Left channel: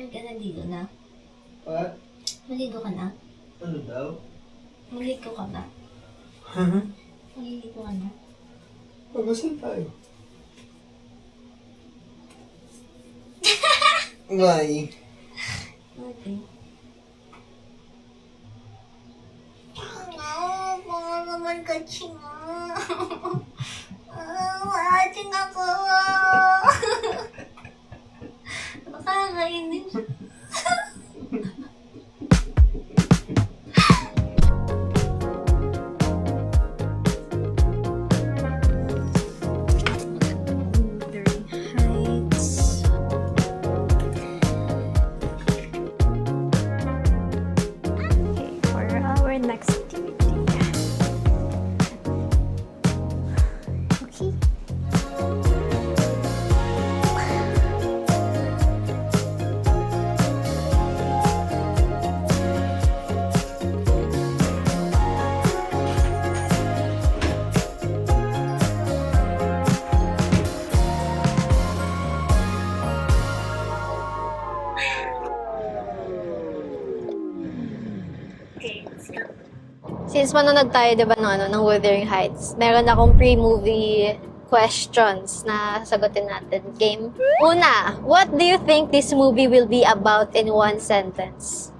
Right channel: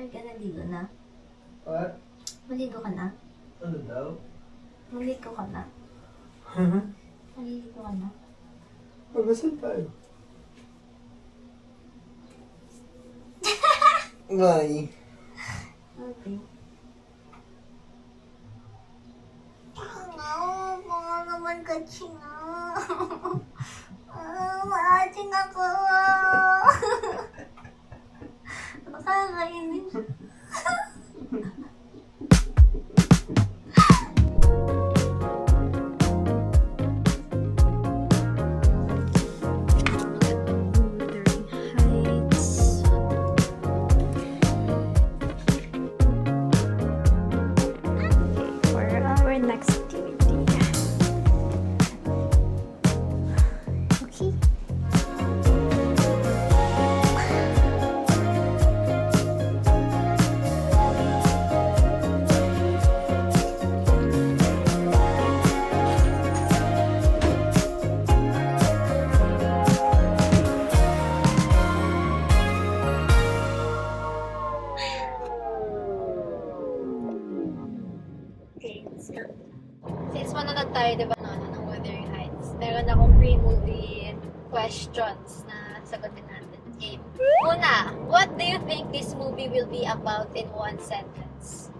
Ay, ka naligo na? What? Maligo ka na? Ano daw? Maligo ka na? Maliligo ka na? Pag-asan tayo? Why? Okay. Baka naman kasi nga. Maating ako. Nakakainis. Next activity. Okay. Since manonood tayo, diba, ng Wuthering Heights, meron akong pre-movie questions na sagutin natin. Game. Una, what do you think this movie will be about in one sentence?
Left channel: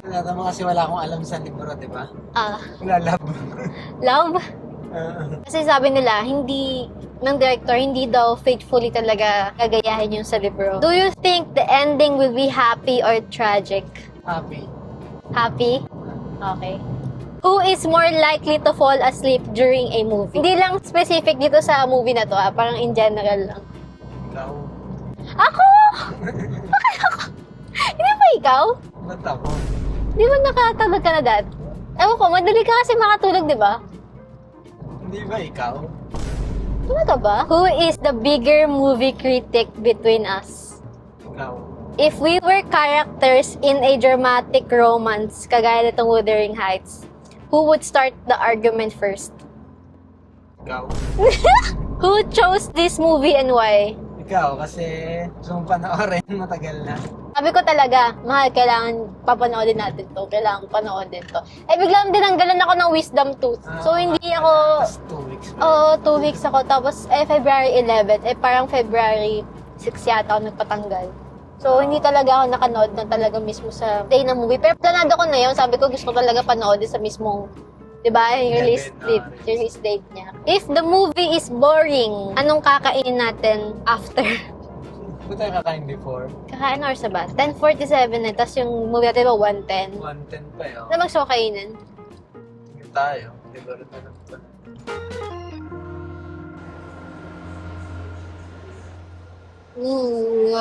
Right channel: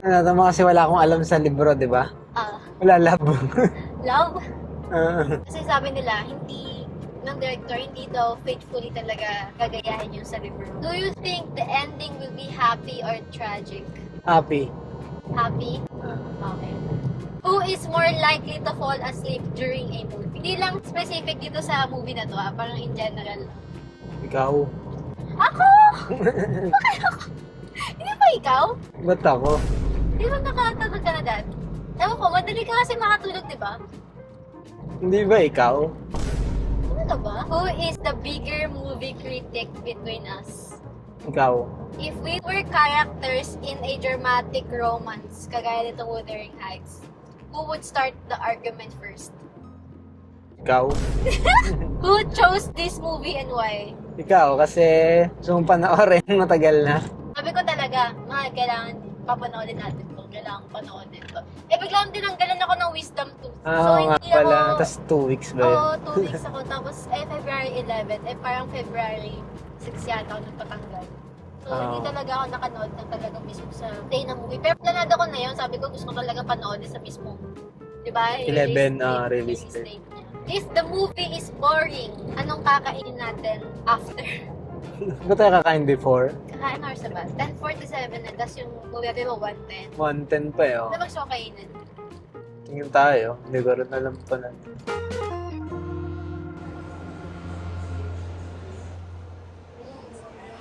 Tama kasi wala akong alam sa libro, di ba? Wala love. Love? Kasi sabi nila, ng director, hindi daw faithfully talaga gagayahin yung sa libro. Do you think the ending will be happy or tragic? Happy. Happy? Okay. Who is more likely to fall asleep during a movie? Hindi lang specific dito sa movie na to, parang in general lang. Ikaw. Ako! Bakit ako? Hindi ba ikaw? Ba't ako? Di ba nakatulog ka na dati? Ewan ko, madali ka kasi makatulog, di ba? Hindi ba ikaw? Talaga ba? Who is the bigger movie critic between us? Ikaw. If we were characters in a dramatic romance, kagaya nitong Wuthering Heights, who would start the argument first? Ikaw. Who chose this movie and why? Ikaw, kasi gusto mong panoorin matagal na. Sabi ko talaga, mahal, kailangan papanoodin natin to. Kailangan panoodin to. Eh, biglang dinanggalan ako ng wisdom tooth. So, hindi ako... Tapos 2 weeks ba? Oo, 2 weeks ako. Tapos, February 11. Parang February 6 yata ako nagpatanggal. So, hindi talaga ako nakanood ng talaga mismo sa day ng movie. Pero planado ko na yun. Sabi ko, gusto ko talaga panood sa mismong, di ba, release date niya. If the movie is boring, anong kakainin natin after? Ano tayo kakain before? Kakain or sa ba? 10:47 eh. Tapos yung movie natin ba, 1:10. 1:10 pa yun. Ano ba gusto ko kainin? Tingin tayo. Hindi ko rin alam pa natin. Ooh.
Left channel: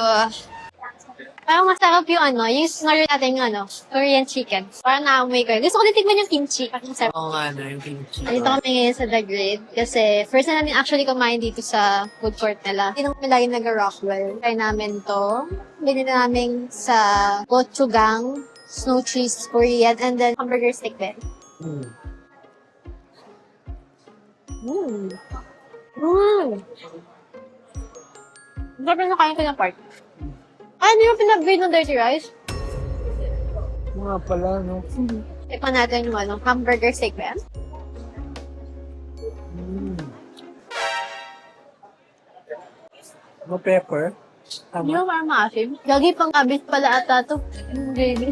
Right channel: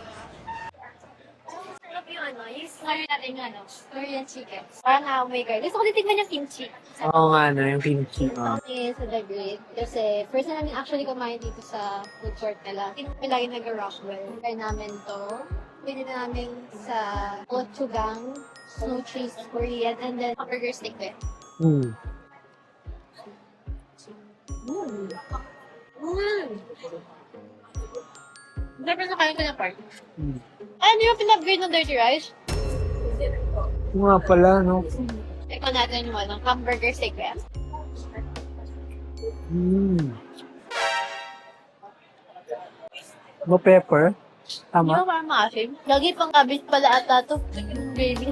Parang masarap yung yung scenario natin Korean chicken. Parang naamoy ko. Gusto ko din tignan yung kimchi. Oo nga yung kimchi. Dito kami ngayon sa The Grid. Kasi first na namin actually kumain dito sa food court nila. Hindi naman lagi nag-Rockwell. Try namin to. Binili namin sa gochujang, snow cheese Korean, and then hamburger steak din. Sarap na kain ko na part. Ano yung pinag-grade ng dirty rice? Nga pala, no? Tikman natin yung hamburger steak ba yan? No pepper? Tama? Yung parang maasim. Lagi pang kabit pala ata to. Yung gravy.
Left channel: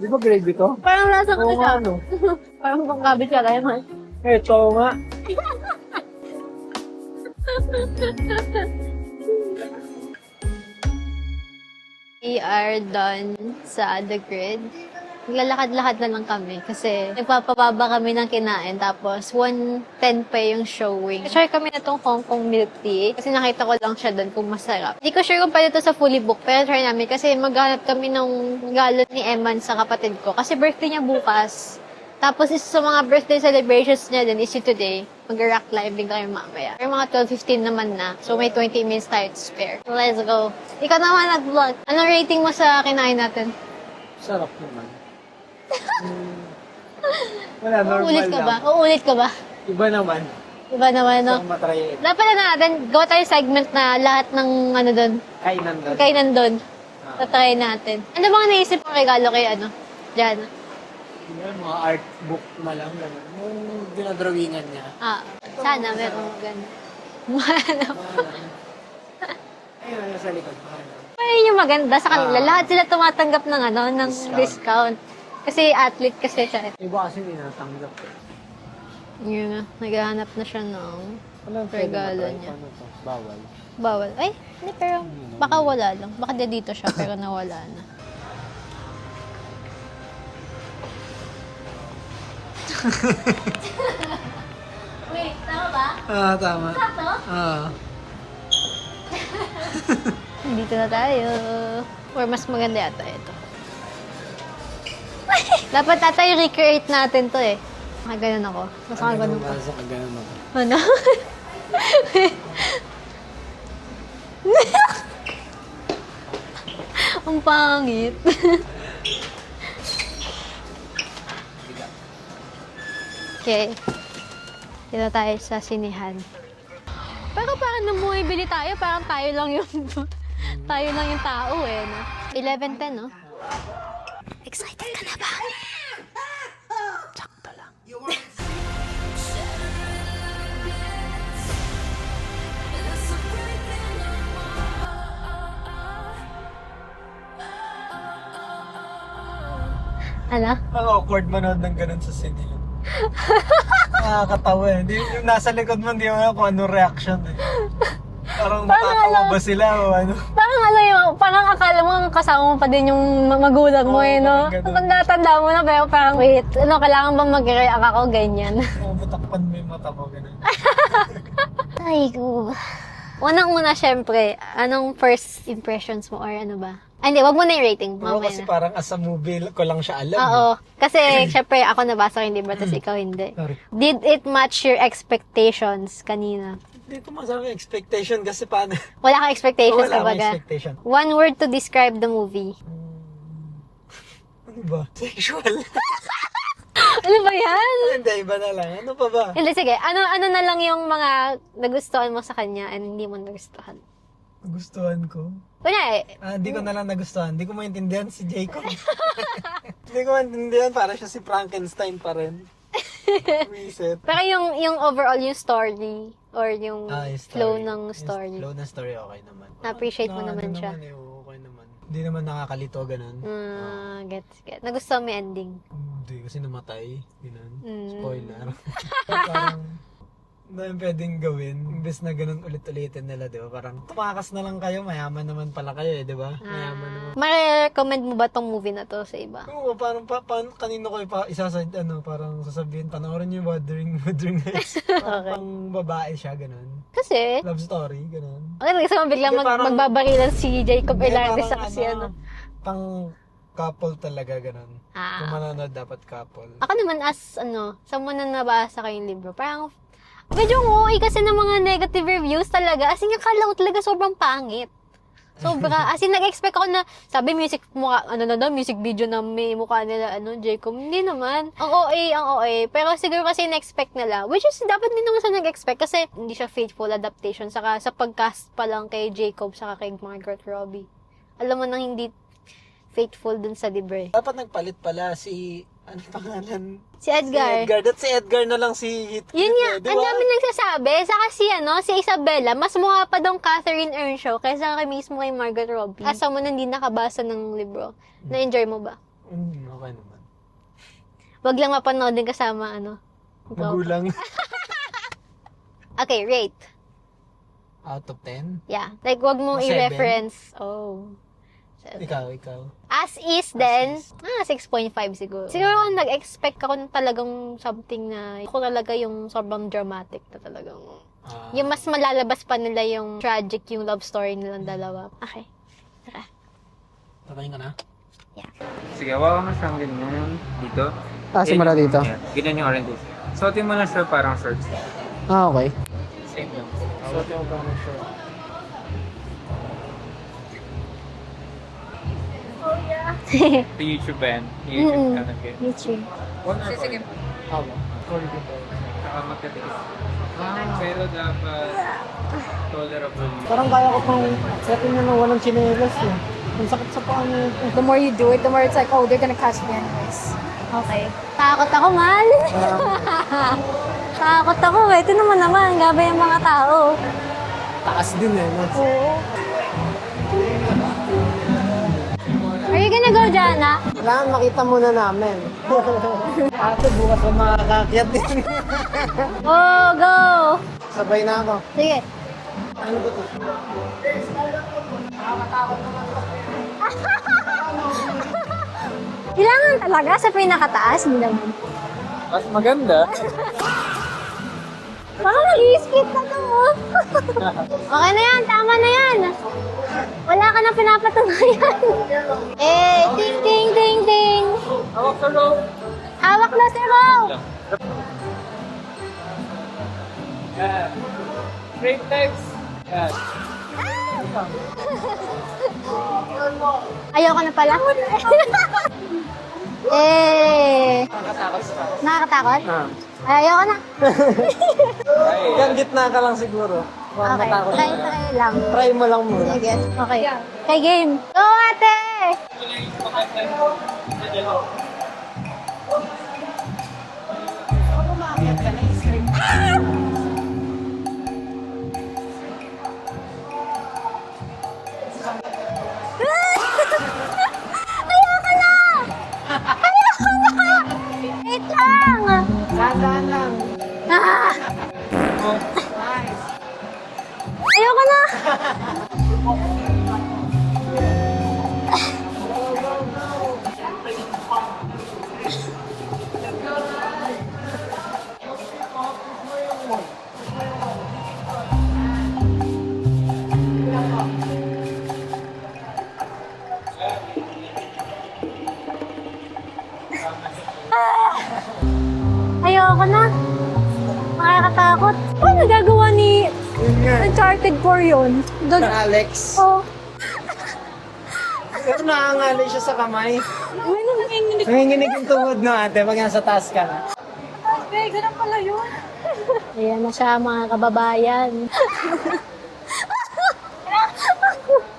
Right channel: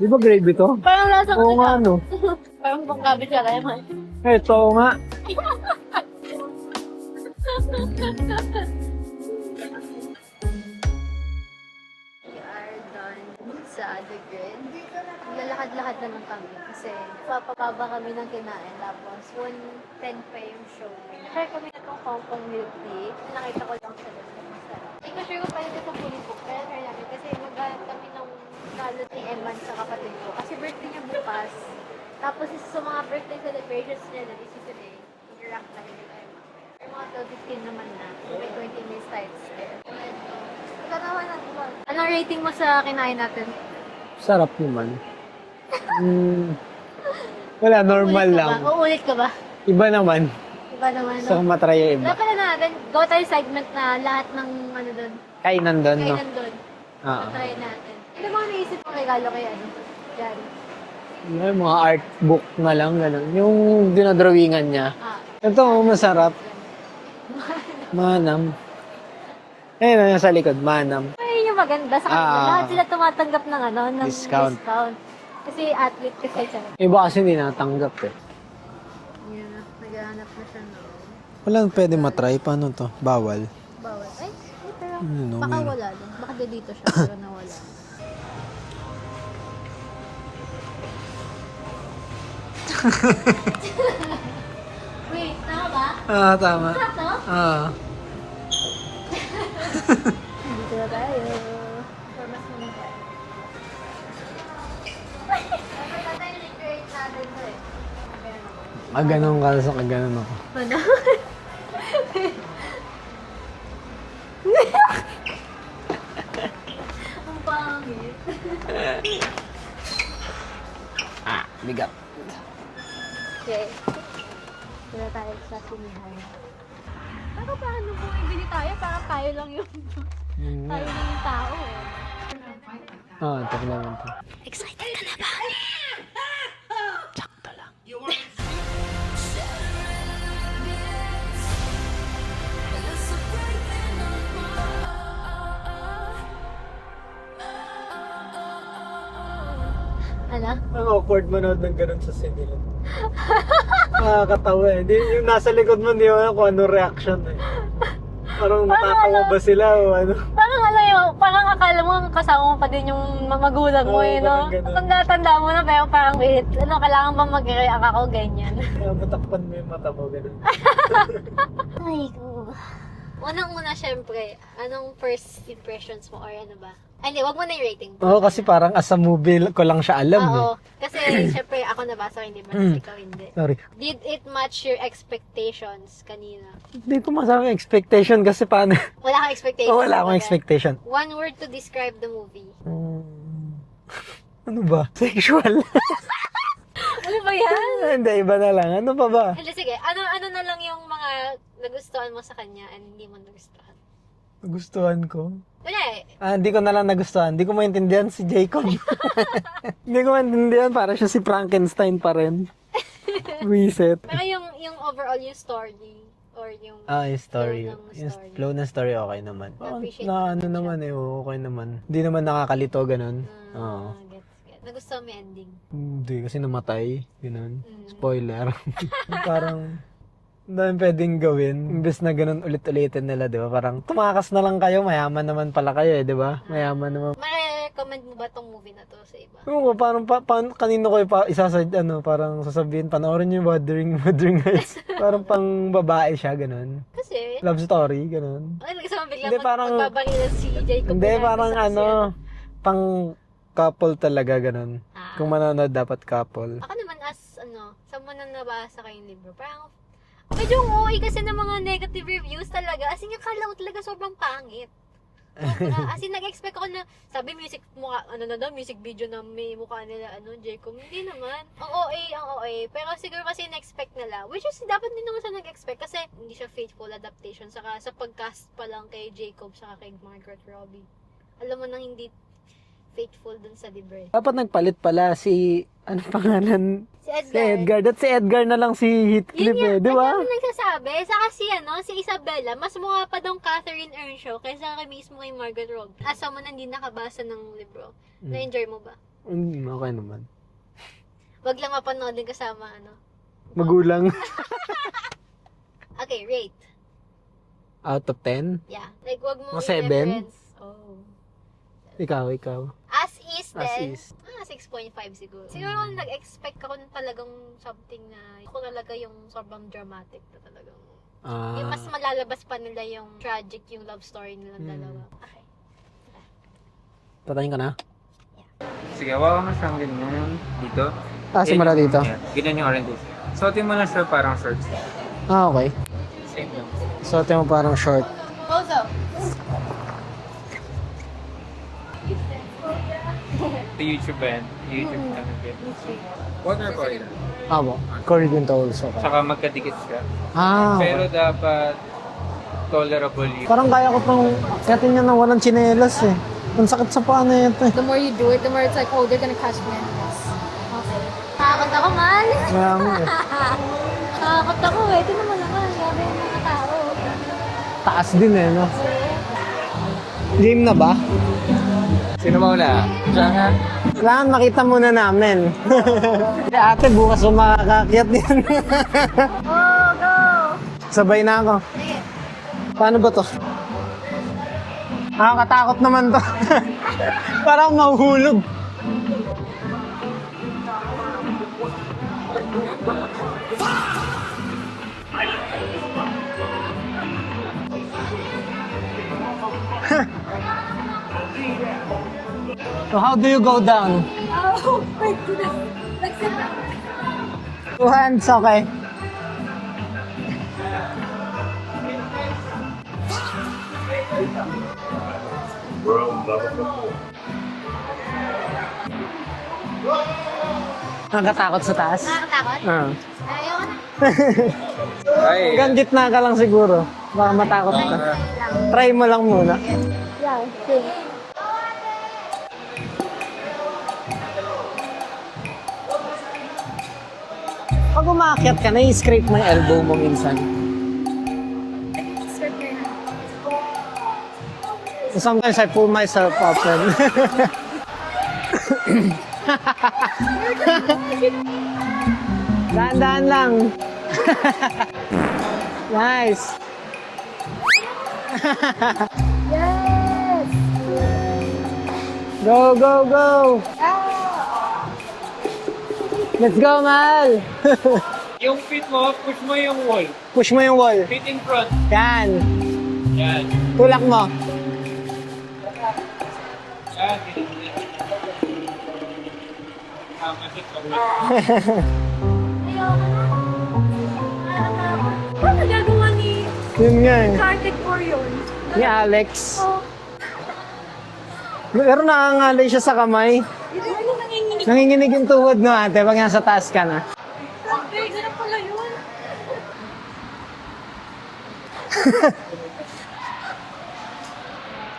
Di ba gravy to? Parang lasa ko Oo nga, siya. no? Parang pang kabit siya kaya man. Ito nga. We are done sa The Grid. Naglalakad-lakad na lang kami kasi nagpapababa kami ng kinain tapos 1:10 pa yung showing. Try kami na tong Hong Kong milk tea kasi nakita ko lang siya doon kung masarap. Hindi ko sure kung pwede to sa fully book pero try namin kasi maghanap kami ng galon ni Eman sa kapatid ko kasi birthday niya bukas. Tapos isa sa mga birthday celebrations niya din is today. Mag-rock climbing tayo mamaya. Pero mga 12:15 naman na. So may 20 minutes tayo to spare. So let's go. Ikaw naman nag-vlog. Anong rating mo sa kinain natin? Sarap naman. Wala, normal Uulit ka lang. ba? Uulit ka ba? Iba naman. Iba naman, Gusto no? kong matry yung iba. Dapat na natin, gawa tayo segment na lahat ng ano doon, Kainan doon. kainan doon. Ah. Tatry natin. Ano bang naisip mong regalo kay ano? Diyan. May mga art book na lang, gano'n. Yung dinadrawingan niya. Ah. Ito, Sana, masarap. meron. Manam. Ayun, sa likod, manam. Ayun yung maganda sa kanila. Ah. Lahat sila tumatanggap ng ano, ng Discount. discount. Kasi athlete kasi siya. Iba kasi hindi natanggap eh. Yun nga, naghahanap na siya ng Walang pwede regalo matry. niya. Paano to? Bawal. Bawal. Ay, hindi pero baka wala lang. Baka dito siya pero nawala na. Wait, tama ba? Ah, tama. Sakto? Ah. Dito na tayo. Or mas maganda yata ito. Dapat ata i-recreate natin to eh. Ganun ako. Mas Ganun maganda. ka, sa ganun ako. Ano? Ang pangit. Bigat. Okay. Dito tayo sa sinihan. Pero parang nung bumibili tayo, parang tayo lang yung tayo lang yung tao eh. No? 11:10, no? Ah, ito lang ito. Excited ka na ba? Sakto lang. Ano? Ang awkward manood ng ganun sa sinihan. Nakakatawa eh. Di, yung nasa likod mo, hindi mo alam kung anong reaction eh. Parang natatawa ba sila o ano? Parang ano yung, parang akala mo kasama mo pa din yung magulang mo Oo, eh, no? parang ganun. Tanda-tanda mo na, pero parang wait, ano, kailangan ba mag-react ako, ganyan? Matakpan mo yung mata mo, ganun. Ay, ko. Unang-una, syempre, anong first impressions mo or ano ba? Ay, hindi, wag mo na yung rating. Oo, kasi parang as a movie ko lang siya alam. Oo. Eh. Kasi, syempre, ako nabasa ko yung libro, tapos ikaw hindi. Sorry. Did it match your expectations kanina? Hindi ko masabi expectation kasi paano. Wala kang expectations, Wala akong kumbaga. expectation. One word to describe the movie. Ano ba? Sexual. Ano ba yan? Hindi, iba na lang. Ano pa ba? Hindi, sige. Ano na lang yung mga nagustuhan mo sa kanya and hindi mo nagustuhan? Nagustuhan ko. Kunyari, Hindi ko na lang nagustuhan. Hindi ko maintindihan si Jacob. Hindi ko maintindihan. Para siya si Frankenstein pa rin. Reset. pero yung overall, yung story or yung Yung flow story. ng story. Yung flow ng story, okay naman. Na-appreciate mo naman siya. naman eh, okay naman. Hindi naman nakakalito, ganun. Gets. Nagustuhan mo yung ending. Hindi, kasi namatay. Ganun. Mm. Spoiler. Parang, dahil pwedeng gawin. Imbes na ganun ulit-ulitin nila, di ba? Parang, tumakas na lang kayo, mayaman naman pala kayo eh, di ba? Mayaman naman. Ma-recommend mo ba tong movie na to sa iba? Oo, parang kanino ko parang sasabihin, panoorin niyo Wuthering Heights. Parang pang babae siya, ganun. Kasi, Love story, ganun. okay, gusto mo biglang Hindi, parang- magbabarilan si Jacob Hindi, Velarde parang sa kasi ano. pang couple talaga, ganun. Ah. Kung manonood, dapat couple. Ako naman as, someone na nabasa ko yung libro, parang, medyo okay kasi ng mga negative reviews talaga. As in, akala ko talaga sobrang pangit. Sobra. As in, nag-expect ako na, sabi music video na may mukha nila, Jacob. Hindi naman. Ang OA. Pero siguro kasi na-expect nila. Which is, dapat din naman sa nag-expect kasi hindi siya faithful adaptation. Saka sa pag-cast pa lang kay Jacob, saka kay Margaret Robbie. Alam mo nang hindi faithful dun sa libre. Dapat nagpalit pala si, ano pangalan? Si Edgar. Si Edgar na lang si Heathcliff Yun nga, eh, di ang ba? dami nagsasabi. Saka si Isabella, mas mukha pa daw Catherine Earnshaw kaysa kay mismo kay Margaret Robbie. As someone na hindi nakabasa ng libro, na-enjoy mo ba? Okay naman. Wag lang mapanood din kasama, Magulang. Okay, rate. Out of 10? Yeah. Like, wag mong Seven? i-reference. Oh. Ikaw. As is, then, is. 6.5 siguro. Siguro nag-expect ako ng talagang something na, ako talaga yung sobrang dramatic na talagang, yung mas malalabas pa nila yung tragic, yung love story nilang dalawa. Okay. Patayin ka na? Yeah. Sige, hawakan mo siyang ganyan dito. Simula dito? Yeah, ganyan yung oranges. Suotin mo na siya parang shorts. Okay. Same lang. So, ito yung parang short. Also, Ito YouTube ba yan? YouTube ka nag-get. YouTube. One or four. Amo. Corrigan to also. Tsaka magkadikit siya. Pero dapat tolerable yun. Parang kaya ko pang akyatin niya na walang tsinelas eh. Ang sakit sa paa na ito eh. The more you do it, the more it's like, oh, they're gonna catch me. Okay. Nakakot ako, man. Kaya mo eh. Nakakot ako, eh. Ito naman, gabi yung mga tao. Taas din eh, no? Game na ba? Sino mauna? Where you gonna go, Jana? Kailangan makita muna namin. Ate, bukas mo makakakyat din. Oh, go! Sabay na ako. Sige. Paano ba to? Nakakatakot naman to. Parang mahuhulog. Kailangan talaga sa pinakataas, hindi naman. Mas maganda. Parang mag-i-skip na to. Okay na yan, tama na yan. Wala ka na pinapatunayan. Eh, So how do you go ding, down? Ding, ding. Hawak na si Mo. 2 hands, okay. Break text. Ayoko na pala. Eh, Nakakatakot sa taas. nakakatakot? Ah. Ayoko na. Ay, Hanggang gitna ka lang siguro. Baka matakot Try, ka. try lang. Try mo lang muna. Sige. Okay. Okay, game. Go, ate! Pag umakyat ka, na-scrape mo na elbow mo minsan. Sometimes I pull myself up. Wait lang! Dahan-dahan lang. Nice. Ayoko na! Yes! Go, go, go. Let's go, Mal. yung feet mo, push mo yung wall. Push mo yung wall. Feet in front. Yan. Yan. Tulak mo. Yan. Ayoko na. Nakakatakot. Ano nagagawa ni Yun yan. Uncharted 4 yun? Ni Alex. Oh. Pero nakangalay siya sa kamay. Nanginginig yung tuhod, no, ate? Pag nasa taas ka na. Ganun pala yun. Ayan na siya, mga kababayan.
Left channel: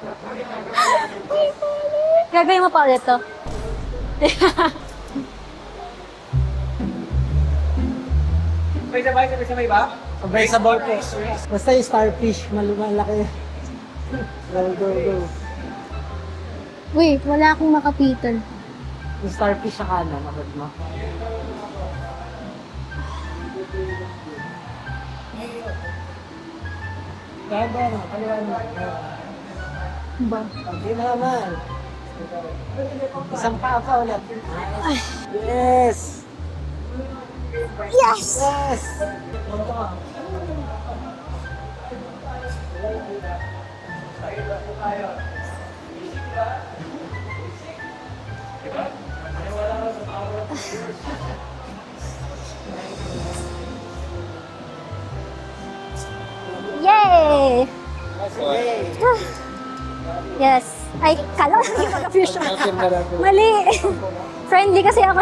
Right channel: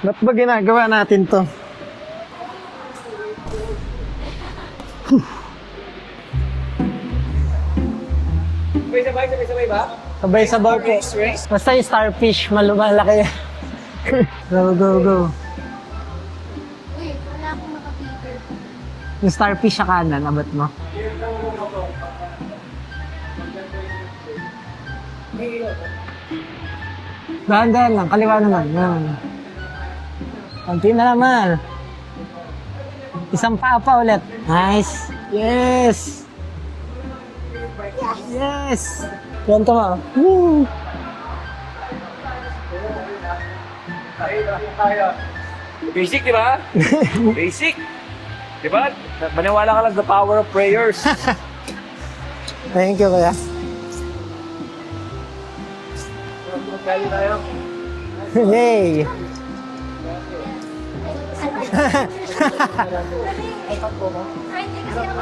Ba't ba ginagawa natin to? Gagawin mo pa ulit to. Sabay ba? Sabay-sabay po. Basta yung starfish, malumalaki. Go, go, go. Uy, wala akong makapitan. Yung starfish sa kanan, abot mo. Dahan-dahan lang, kaliwa naman. Yan. Konti na naman. Isang paa pa ulit. Nice. Yes! Yes! Yes! Kwento mo. Woo! Basic, di ba? Basic. Di ba? Maniwala ka lang the power of prayers. Thank you, kuya. Yay! Yay! Yes. Ay, kala ko. Mali. Friendly kasi ako.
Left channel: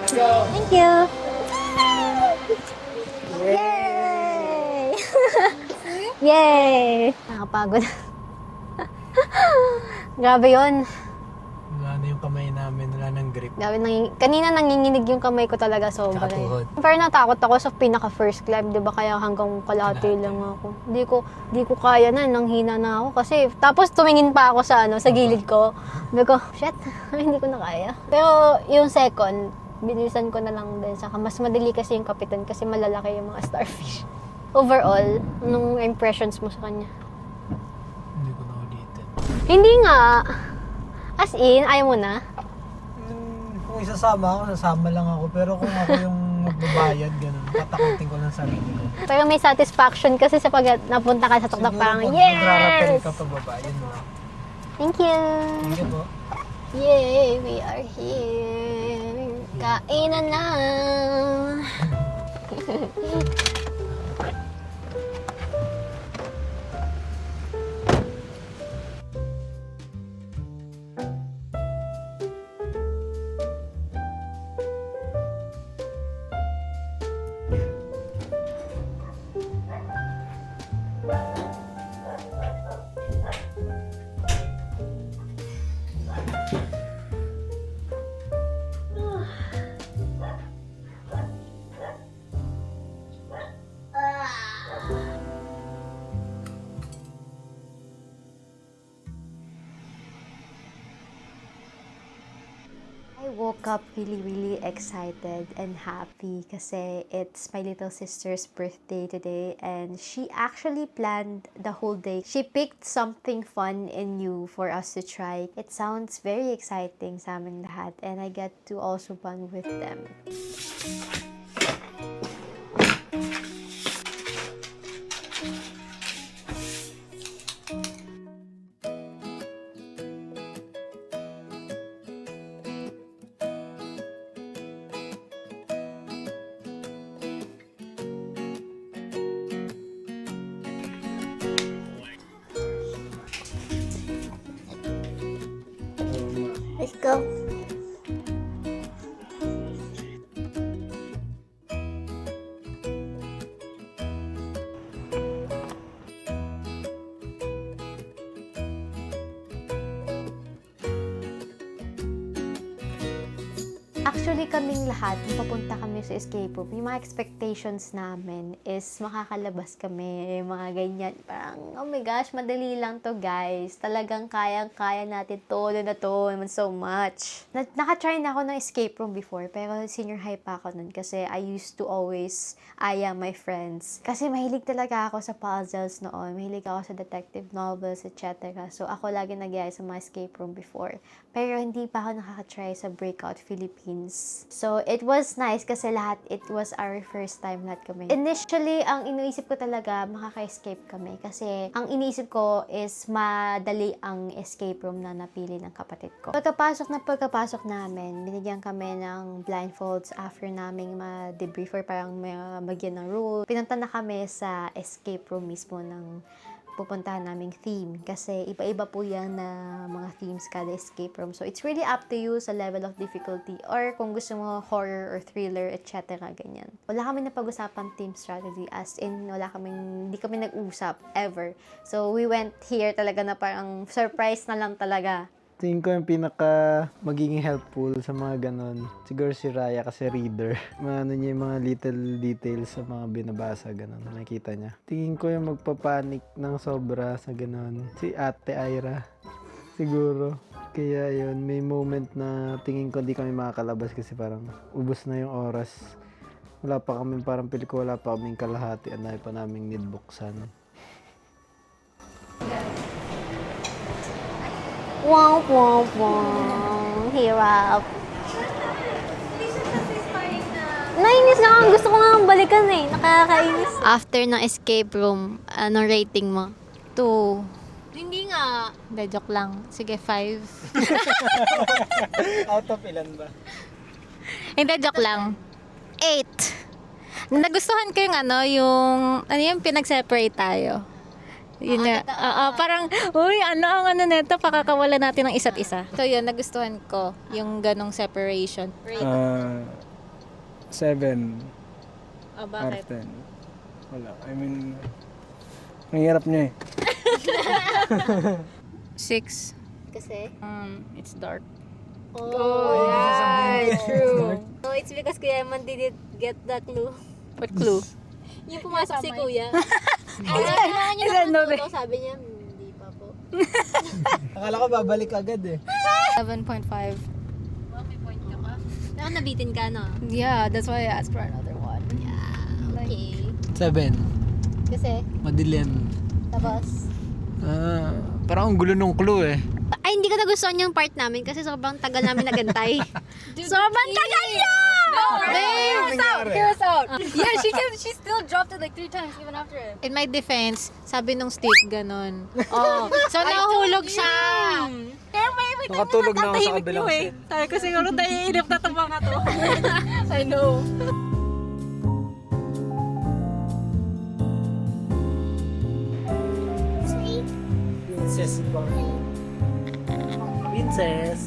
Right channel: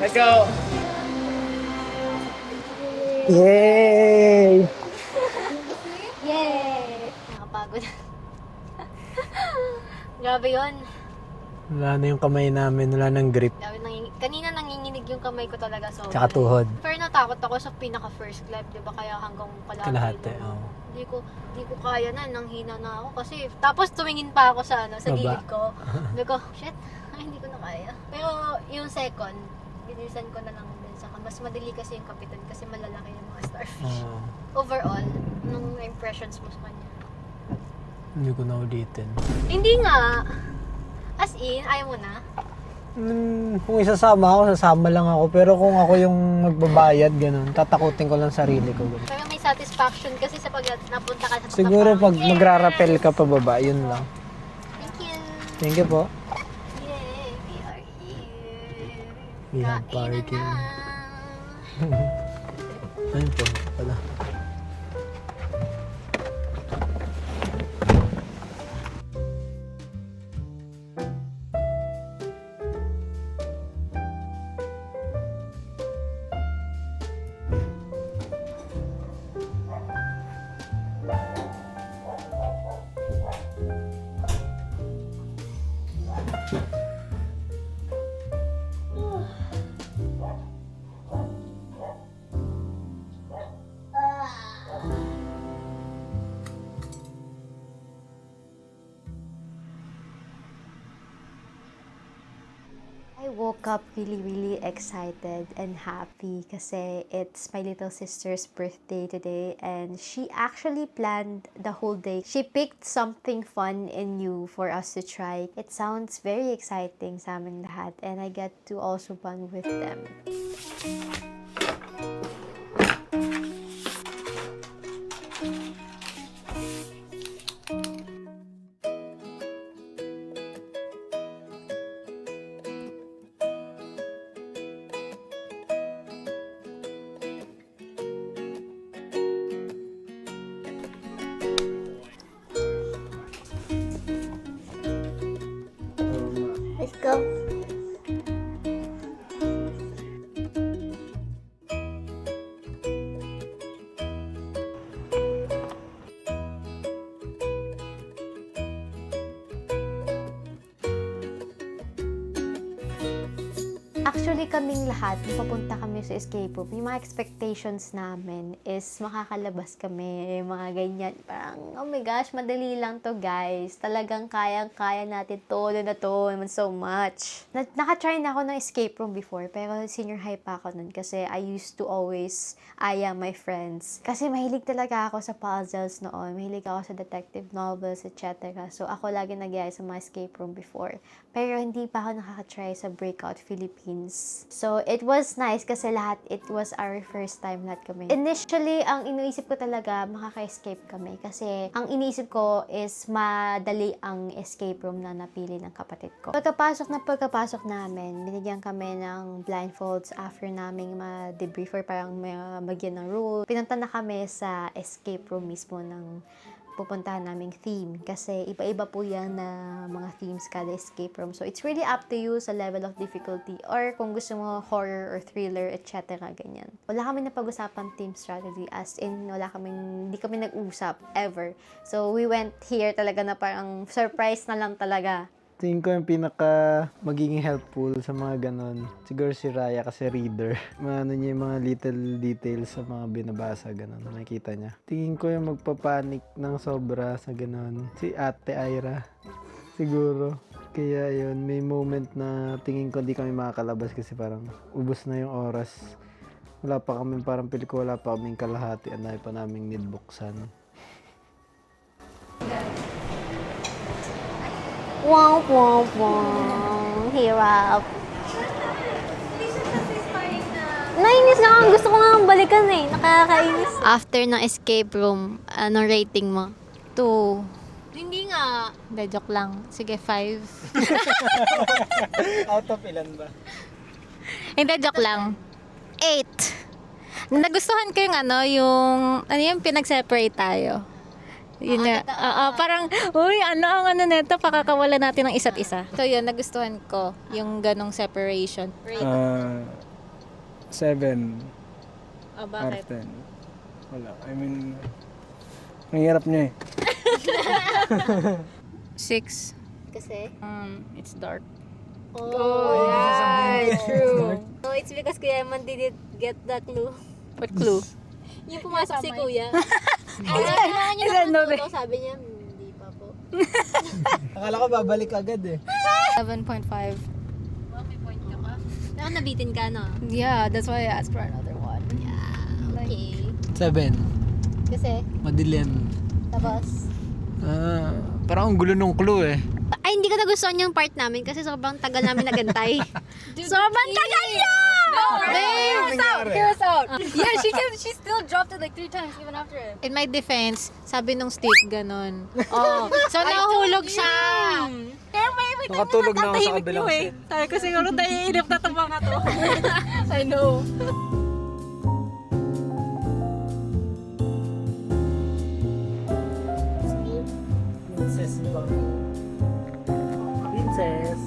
Let's go. Thank you. Yay! Yay! Nakapagod. Grabe yun. Wala na yung kamay namin, wala nang grip. Grabe, kanina nanginginig yung kamay ko talaga sobra. Tsaka tuhod. Pero natakot ako sa pinaka first climb, 'di ba? Kaya hanggang kalahati Kalahati, lang oo. ako. Di ko kaya na, nanghina na ako kasi tapos tumingin pa ako sa sa gilid ko. Sabi ko, shit, hindi ko na kaya. Pero yung second, binisan ko na lang din. Saka mas madali kasi yung kapitan kasi malalaki yung mga starfish. Oh. Overall, anong impressions mo sa kanya? Hindi ko na ulitin. Hindi nga. As in, ayaw mo na? Kung isasama ako, sasama lang ako. Pero kung ako yung magbabayad, ganun, tatakutin ko lang sarili ko. Ganun. Pero may satisfaction kasi sa pag napunta ka sa Siguro Toknapangan. pag magra-rappel ka pababa, yun lang. Thank you! Thank you po. Yay! We are here! We are Kainan na! Pala. I woke up really excited and happy kasi it's my little sister's birthday today and she actually planned the whole day. She picked something fun and new for us to try. It sounds very exciting sa aming lahat and I get to also bond with them. Let's go. Actually, kaming lahat, nung papunta kami sa escape room, yung mga expectations namin is makakalabas kami, mga ganyan. Parang, oh my gosh, madali lang to guys. Talagang kayang-kaya natin to, na to, naman so much. Naka-try na ako ng escape room before, pero senior high pa ako nun kasi I used to always aya my friends. Kasi mahilig talaga ako sa puzzles noon, mahilig ako sa detective novels, etc. So, ako lagi nag-aya sa mga escape room before. Pero hindi pa ako nakaka-try sa Breakout Philippines. So, it was nice kasi it was our first time lahat kami. Initially, ang iniisip ko talaga, makaka-escape kami. Kasi, ang iniisip ko is madali ang escape room na napili ng kapatid ko. Pagkapasok namin, binigyan kami ng blindfolds after naming ma-debrief or parang magyan ng rule. Pinunta na kami sa escape room mismo ng pupuntahan naming theme kasi iba-iba po yan na mga themes kada escape room. So, it's really up to you sa level of difficulty or kung gusto mo horror or thriller, etc. ganyan. Wala kami napag-usapan team strategy as in hindi kami nag-usap ever. So, we went here talaga na parang surprise na lang talaga. Tingin ko yung pinaka magiging helpful sa mga ganon. Siguro si Raya kasi reader. Maano niya yung mga little details sa mga binabasa, ganon. Nakikita niya. Tingin ko yung magpapanik ng sobra sa ganon. Si Ate Ira. Siguro. Kaya yun, may moment na tingin ko hindi kami makakalabas kasi parang ubos na yung oras. Wala pa kami, parang pili ko wala pa kaming kalahati. Anay pa naming need buksan. Womp womp womp. Hirap. Nainis na ako. Gusto ko nga balikan eh. Nakakainis. After ng escape room, anong rating mo? 2. Hindi nga. Hindi, joke lang. Sige, 5. Out of ilan ba? Hindi, joke lang. 8. Nagustuhan ko yung yung pinag-separate tayo. Yun na. Parang, uy, ang neto, pakakawala natin ng isa't isa. So yun, nagustuhan ko yung ganong separation. 7 Oh, out bakit? of 10. Wala. I mean, ang hirap niya eh. 6. Kasi? It's dark. Oh, yeah, true. No, it's because Kuya Eman didn't get the clue. What clue? Yung pumasok si Kuya. Kailangan niya naman ito. Sabi niya, hindi pa po. Akala ko babalik agad eh. 7.5. May point ka pa. Pero nabitin ka, no? Yeah, that's why I asked for another one. Yeah, okay. 7. Kasi, Madilim. tapos, Parang ang gulo nung clue eh. ay, hindi ko nagustuhan yung part namin kasi sobrang tagal namin nagantay. Sobrang tagal niya! Hear us out. Yeah, she still dropped it like 3 times even after it. In my defense, sabi nung Steve ganon. Oh, so nahulog siya. Kaya may Nakatulog na ako sa kabilang scene. Sabi ko siguro naiinip na itong mga to. I know. Princess ba? Princess.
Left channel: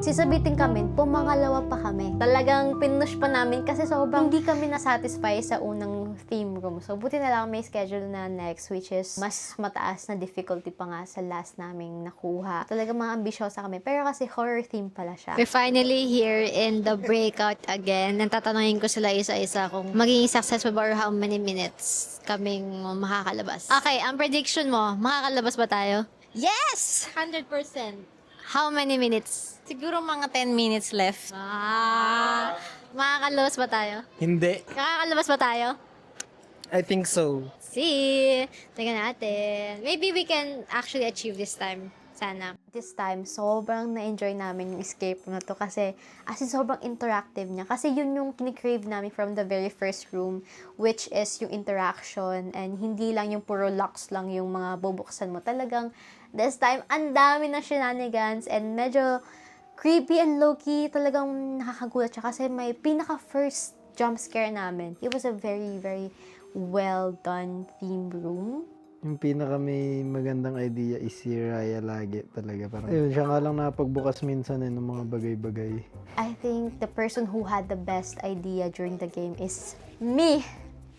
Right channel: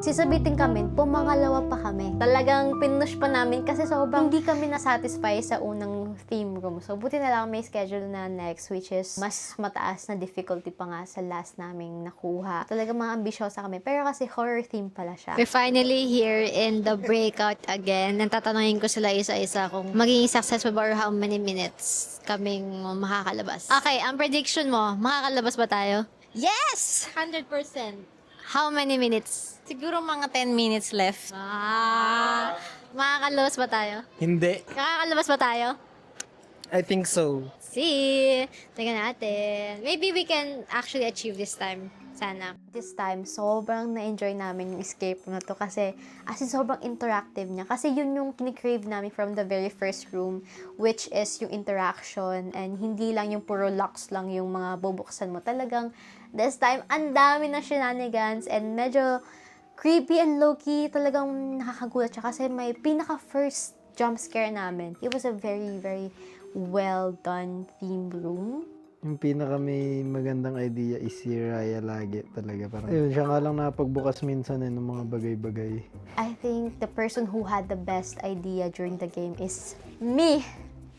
Si sisabitin kami, pumangalawa pa kami. Talagang pinush pa namin kasi sobrang hindi kami nasatisfy sa unang theme room. So, buti na lang may schedule na next, which is mas mataas na difficulty pa nga sa last naming nakuha. Talagang mga ambisyosa kami. Pero kasi horror theme pala siya. We're finally here in the breakout again. Natatanungin ko sila isa-isa kung magiging successful ba or how many minutes kaming makakalabas. Okay, ang prediction mo, makakalabas ba tayo? Yes! 100%. How many minutes? Siguro mga 10 minutes left. Makakalabas ba tayo? Hindi. Nakakalabas ba tayo? I think so. See, tingnan natin. Maybe we can actually achieve this time. Sana. This time, sobrang na-enjoy namin yung escape room na to kasi as in sobrang interactive niya. Kasi yun yung kinikrave namin from the very first room, which is yung interaction and hindi lang yung puro locks lang yung mga bubuksan mo. Talagang this time, ang dami ng shenanigans and medyo creepy and low-key. Talagang nakakagulat siya kasi may pinaka-first jump scare namin. It was a very, very well done theme room. Yung pinaka may magandang idea is si Raya lagi talaga. Parang, ayun, siya nga lang napagbukas minsan ng mga bagay-bagay. I think the person who had the best idea during the game is me.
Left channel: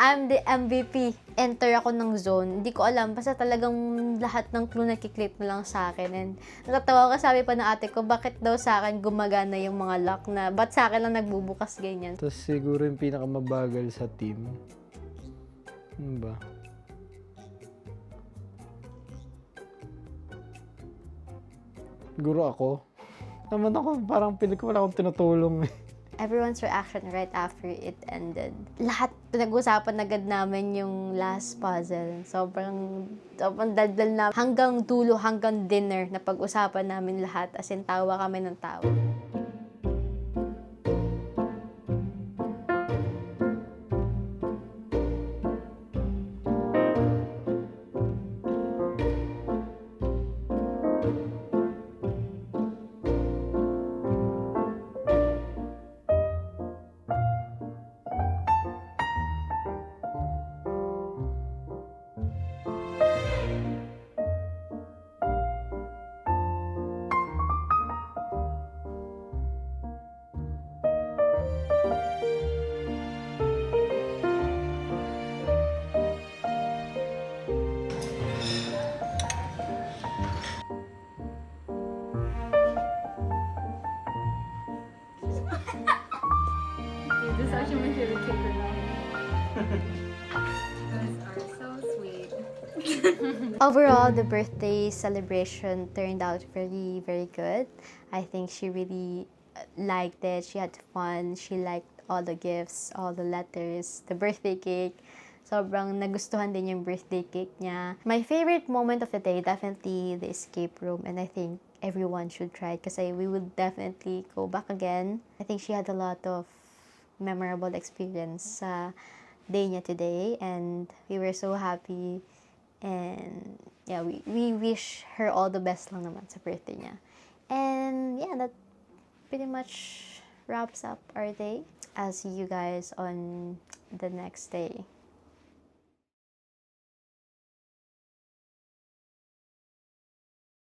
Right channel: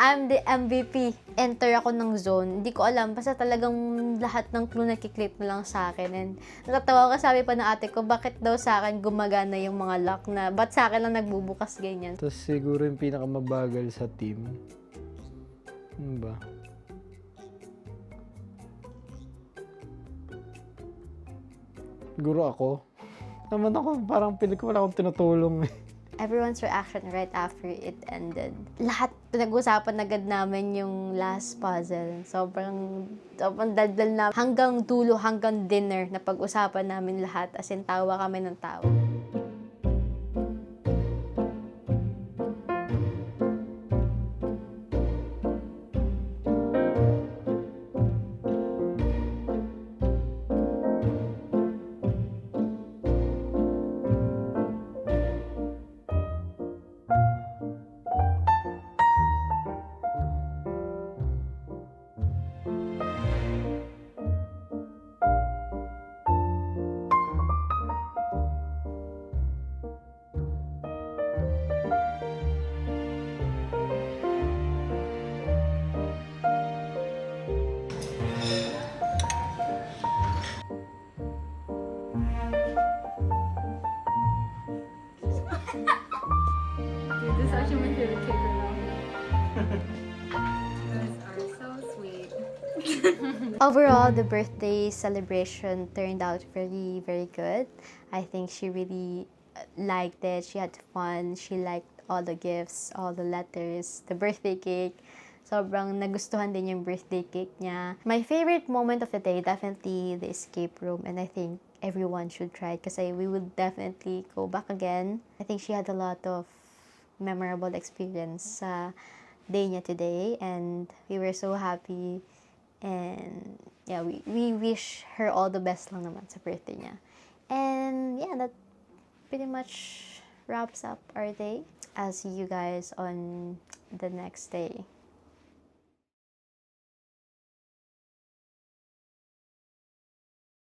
I'm the MVP. Enter ako ng zone. Hindi ko alam. Basta talagang lahat ng clue nakiklik na lang sa akin. And natatawa ko, sabi pa ng ate ko, bakit daw sa akin gumagana yung mga lock na, ba't sa akin lang nagbubukas ganyan? Tapos siguro yung pinakamabagal sa team. Ano ba? Siguro ako. Naman ako, parang pili ko wala akong tinutulong eh. Everyone's reaction right after it ended. Lahat pinag-usapan agad namin yung last puzzle. Sobrang daldal na hanggang dulo, hanggang dinner na pag-usapan namin lahat. As in, tawa kami ng tawa. This is actually my favorite cake right now. You guys are so sweet. Overall, the birthday celebration turned out very, very good. I think she really liked it. She had fun. She liked all the gifts, all the letters, the birthday cake. Sobrang nagustuhan din yung birthday cake niya. My favorite moment of the day, definitely the escape room. And I think everyone should try it kasi we would definitely go back again. I think she had a lot of memorable experience sa day niya today. And we were so happy. And yeah, we wish her all the best lang naman sa birthday niya. And yeah, that pretty much wraps up our day. I'll see you guys on the next day.